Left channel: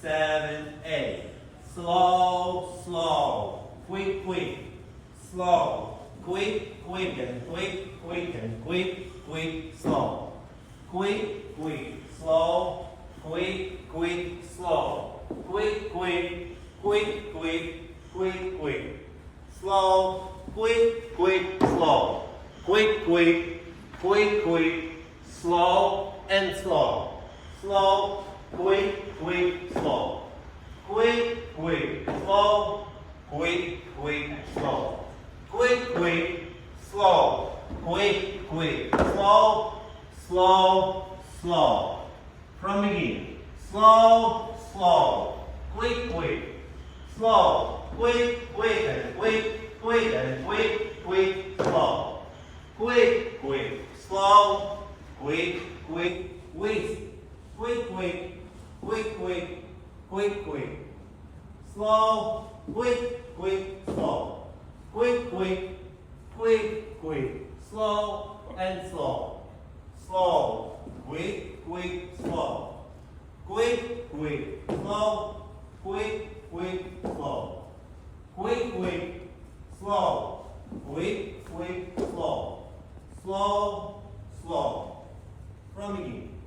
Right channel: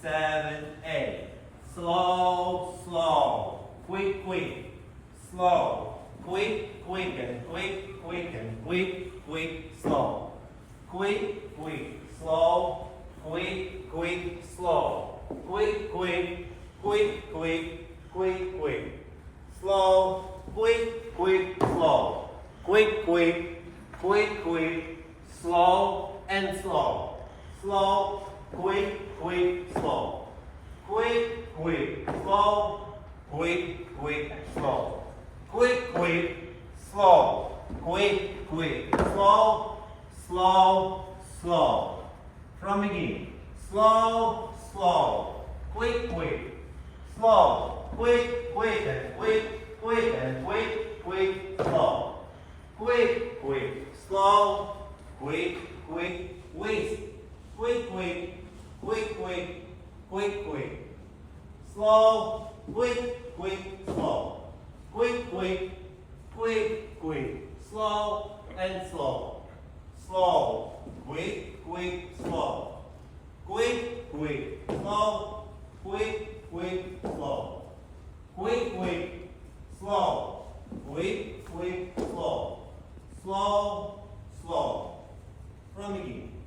7, 8. Slow, slow. Quick, quick. Slow. Quick, quick and quick, quick and quick, quick, slow. Quick, quick, slow. Quick, quick, slow. Quick, quick, quick, quick, quick, quick. Slow, quick, quick, slow. Quick, quick, quick, quick, slow and slow. Slow, quick, quick, slow. Quick, quick, slow. Quick, quick, slow. Quick, quick, slow. Quick, quick, slow. Slow, slow. From beginning. Slow, slow. Quick, quick. Slow. Quick, quick and quick, quick and quick, quick, slow. Quick, quick, slow. Quick, quick, quick. Quick, quick, quick, quick, quick, quick. Slow, quick, quick, slow. Quick, quick, quick, quick. Slow and slow. Slow, quick, quick, slow. Quick, quick, slow. Quick, quick, slow. Quick, quick, slow. Quick, quick, slow. Slow, slow. From beginning.